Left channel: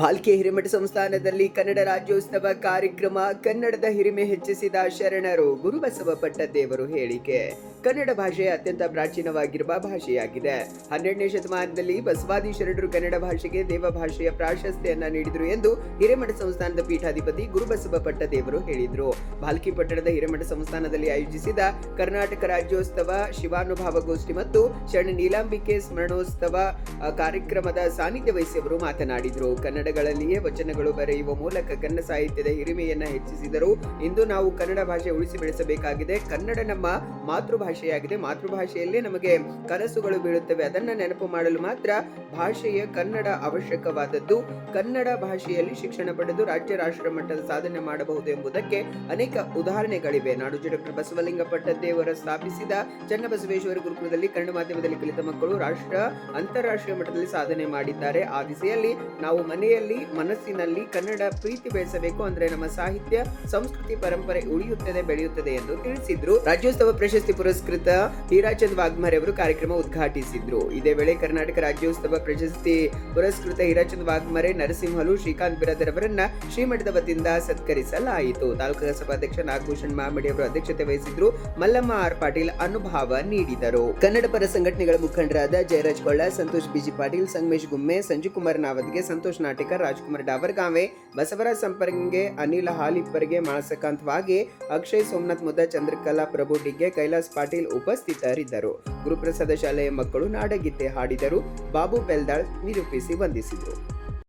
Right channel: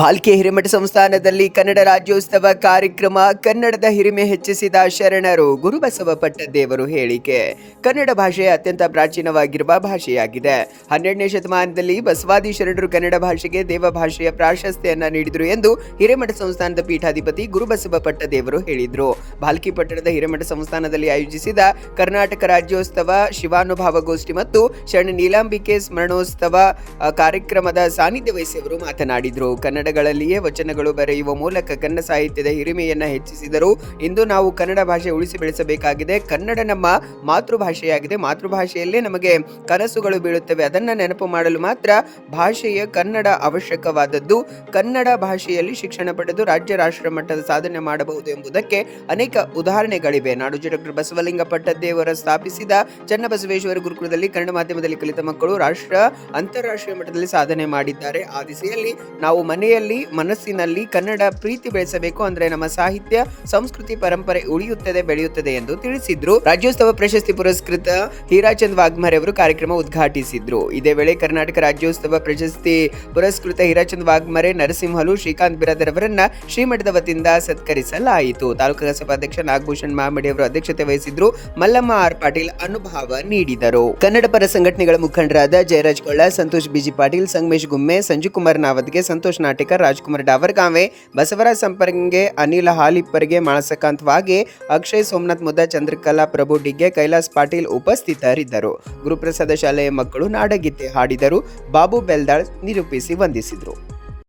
ಭಾಲ್ಕೆ ಹಿರೇಮಠ ಸಂಸ್ಥಾನದಲ್ಲಿ ಕನ್ನಡ ರಾಜ್ಯೋತ್ಸವ ಕಾರ್ಯಕ್ರಮ. ಕನ್ನಡದ ಹಿರಿಮೆ ಹೆಚ್ಚಿಸಿದ ಶರಣರು. ಗುರುಬಸವ ಪಟ್ಟದೇವರು ಹೇಳಿಕೆ. ಕನ್ನಡ ಭಾಷೆ ಅತ್ಯಂತ ಪ್ರಾಚೀನವಾಗಿರುವ ಭಾಷೆಯಾಗಿದೆ. 12ನೇ ಶತಮಾನದಲ್ಲಿ ಬಸವಾದಿ ಶರಣರು ಕನ್ನಡ ಭಾಷೆಗೆ ದೇವ ಭಾಷೆಯ ಪ್ರಾಶಸ್ತ್ಯವನ್ನು ನೀಡಿದರು ಎಂದು ಹಿರೇಮಠ ಸಂಸ್ಥಾನದ ಪೀಠಾಧಿಪತಿ ಗುರುಬಸವ ಪಟ್ಟದೇವರು ಹೇಳಿದರು. ಭಾಲ್ಕಿ ಪಟ್ಟಣದ ಹಿರೇಮಠ ಸಂಸ್ಥಾನದಲ್ಲಿ ಆಯೋಜಿಸಿದ ಕರ್ನಾಟಕ ರಾಜ್ಯೋತ್ಸವ, ಶಿವಾನುಭಾವ ಗೋಷ್ಠಿ ಮತ್ತು ಶರಣ ನೀಲಾಂಬಿಕೆ ಸ್ಮರಣೋತ್ಸವ ಕಾರ್ಯಕ್ರಮದ ಸಾನ್ನಿಧ್ಯ ವಹಿಸಿ ಅವರು ಮಾತನಾಡಿದರು. ಕನ್ನಡಗಳಲ್ಲಿಯೇ ವಚನಗಳು ಬರೆಯುವ ಮೂಲಕ ಕನ್ನಡ ಸಾಹಿತ್ಯದ ಹಿರಿಮೆಯನ್ನು ಹೆಚ್ಚಿಸಿದರು. ಇಂದು ನಾವು ಕನ್ನಡ ಭಾಷೆ ಉಳಿಸಿ ಬೆಳೆಸಬೇಕಾಗಿದೆ. ಕನ್ನಡ ನಮ್ಮ ಮಾತೃಭಾಷೆಯಾಗಿದೆ. ಮಾತೃಭಾಷೆಯಲ್ಲೇ ನಮಗೆ ಕನಸುಗಳು ಬೀಳುತ್ತವೆ. ಅದನ್ನು ನೆನಪು ಮಾಡಲು ಮಾತ್ರ ಭಾಷೆಯ ಕನ್ನಡ ಅವಶ್ಯಕವಾದದ್ದು. ಕನ್ನಡ ಭಾಷೆಯಲ್ಲಿ ಶಿಕ್ಷಣ ಪಡೆದು ರಾಜ್ಯ ರಾಷ್ಟ್ರ ಮಟ್ಟದ ಸಾಧನೆ ಮಾಡಬಹುದು ಎಂಬುದಕ್ಕೆ ಅನೇಕ ಉದಾಹರಣೆಗಳಿವೆ. ನಾಡೋಜ ಡಾಕ್ಟರ್ ಬಸವಲಿಂಗ ಪಟ್ಟದೇವರ ಸ್ಥಾಪಿಸಿದ ಚನ್ನಬಸವೇಶ್ವರ ಗುರುಕುಲದಲ್ಲಿ ಕನ್ನಡ ಮಾಧ್ಯಮದಲ್ಲಿ ಕಲಿತ ಮಕ್ಕಳು ರಾಷ್ಟ್ರ ಅಂತಾರಾಷ್ಟ್ರೀಯ ಮಟ್ಟದಲ್ಲಿ ಸಾಧನೆ ಮಾಡಿದ್ದಾರೆ. ಆ ದಿಸೆಯಲ್ಲಿ ನಾವು ಮನೆಯಲ್ಲಿ ಮನಸ್ಸಿನಲ್ಲಿ ಕನ್ನಡ ಪ್ರೀತಿ ಬೆಳೆಸಬೇಕು. ಅಂದ್ರೆ ನಮ್ಮ ಸಾಹಿತ್ಯ, ಸಂಸ್ಕೃತಿ, ಪರಂಪರೆ ಉಳಿಯುತ್ತದೆ, ಬೆಳೆಯುತ್ತದೆ ಎಂದು ತಿಳಿಸಿದ್ರು. ರಾಜ್ಯೋತ್ಸವ ಪ್ರಶಸ್ತಿ ಪುರಸ್ಕೃತ ಹೀರಾಚಂದ್ ವಾಗ್ಮರೆ ಅವರು ಕಾರ್ಯಕ್ರಮ ಉದ್ಘಾಟಿಸಿದ್ರು. ಇದೇ ವೇಳೆ ಕರ್ನಾಟಕ ರಾಜ್ಯೋತ್ಸವ ಪ್ರಶಸ್ತಿ ಪುರಸ್ಕೃತ ಹೀರಾಚಂದ್ ವಾಗ್ಮರೆ, ನರಸಿಂಹಲು, ಶ್ರೀಕಾಂತ್ ಬಿರಾದರ್ ಅವರನ್ನ ಶ್ರೀಮಠದ ವತಿಯಿಂದ ಸತ್ಕರಿಸಲಾಯಿತು. ತಾಲೂಕು ಸಭಾಧ್ಯಕ್ಷ ನಾಗಭೂಷಣ್ ಮಾಮಡಿ ಅವರು ಅಧ್ಯಕ್ಷತೆ ವಹಿಸಿದ್ರು. ಮಲ್ಲಮ್ಮ ಆರ್ ಪಾಟೀಲ್ ಅನುಭವ ನೀಡಿದರು. ಕನ್ನಡ ಪರ ಸಂಘಟನೆಗಳ ಮುಖಂಡರಾದ ಜಯರಾಜ್ ಕೊಳ್ಳ, ಸಂತೋಷ್ ಬಿಜಿ ಪಾಟೀಲ್, ಸಂಗಮೇಶ್ ಗುಮ್ಮೆ, ಸಂಜುಕುಮಾರ್ ನಾವದ್ಗೆ, ಸಂತೋಷ್ ನಾಟಕರ್, ರಾಜ್ಕುಮಾರ್ ಡಾವರ್ಗಾಂವೆ, ಬಸವರಾಜ್ ಸಂಪರ್ಗೆ, ಅನಿಲ ಹಾಲಿಪ್ಪರ್ಗೆ, ಮಾಳಸಕಾಂತ್ ವಾಗೆ, ಅಕ್ಷಯ್ ಸೋಮನಾಥ್ ಮುದ್ದ, ಚಂದ್ರಕಲಾ ಪ್ರಭು ಡಿಗ್ಗೆ, ಕೈಲಾಸ್ ಪಾಟೀಲ್ ಉಪಸ್ಥಿತರಿದ್ದರು. ಗುರುಪ್ರಸಾದ ಶಾಲೆಯ ಮಕ್ಕಳು ನಾಡಗೀತೆ ಹಾಡಿದರು. ಬಾಬು ಬೆಲ್ದಾಳ್ ನಿರೂಪಿಸಿ ವಂದಿಸಿದರು.